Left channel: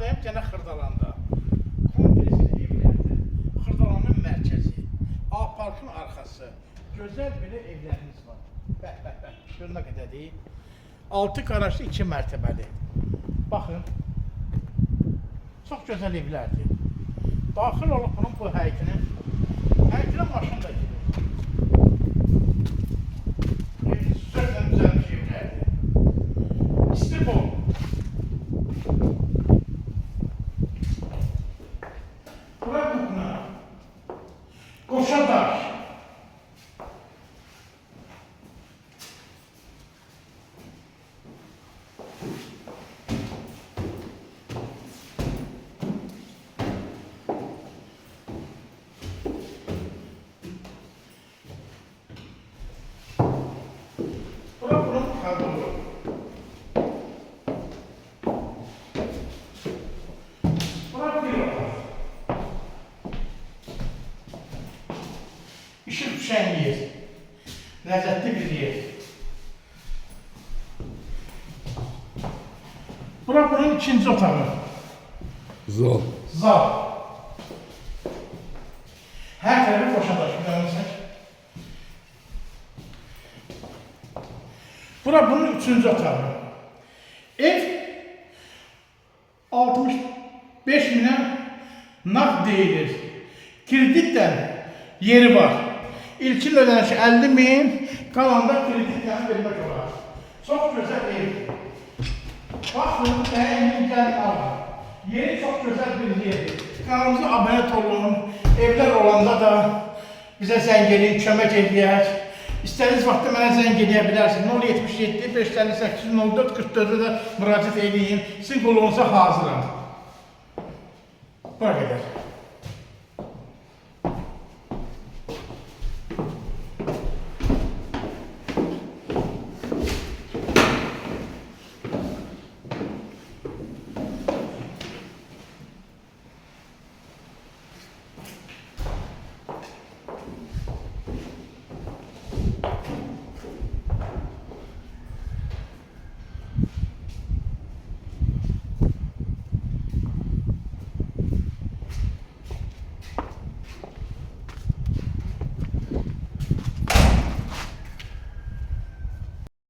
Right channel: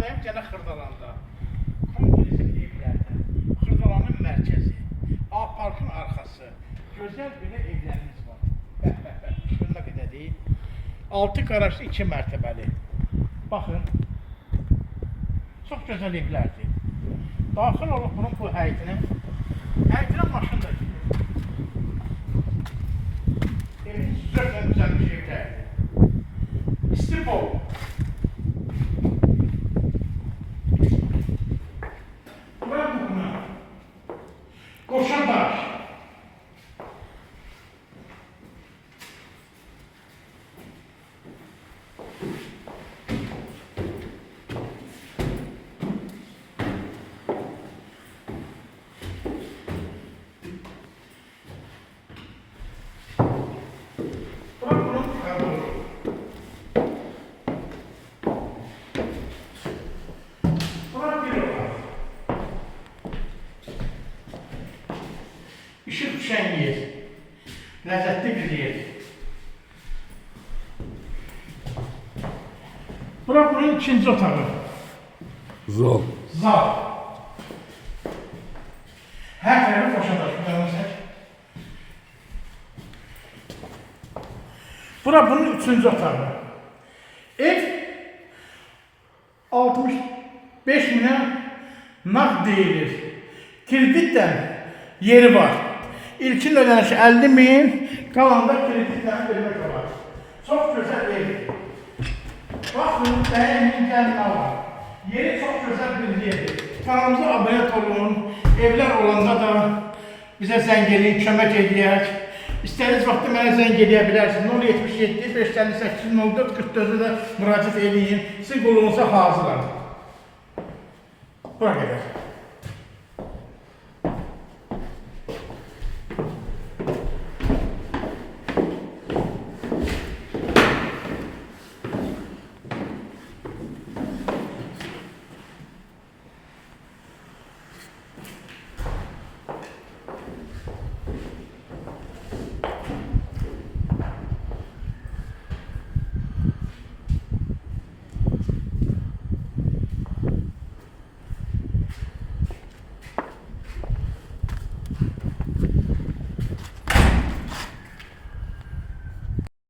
Daim gene Xırdalanda. Kompleksin evlərdə. Xırdalanın mərkəzi. A parkın arxası. Gözəl belə evlərimiz var. Bəh. Şuna qədər deyil. 6 qarajlı 2 mərtəbəli. Baxın. Çox gözəl evlərdir. Daxil olub bunun bu həyətinə. Həyətinə maşın da gidiyor. Evin sözlə düzəlmiş evlərdir. İstipol. Bura buguna. Qoşadaş. İşıq düşən yer, ləzzətli bir yer. Bura bunun ikinci otağı. Zal. Zal. Hər tərəfi qoşadaş, görürsək. Bura bunun üçüncü otağı. Ev 65 minə nağd deyilir. Kreditdən yeri var. İlkin ödənişi 50 min, qalanda kreditlərini vermək olar. Çox gözəl evdir. Baxın, bəyənin gəlin alın. Yeri çox gözəl bir yerdir. Kanalımıza abunət olun. Evlər olanda da bizə zəng edin, kömək edək. İstədiyiniz vaxtda mənə zəng edə bilərsiniz. 077 558 04 44-də də müraciət edin. Sizin qolunuza hazıram. Bura qədər.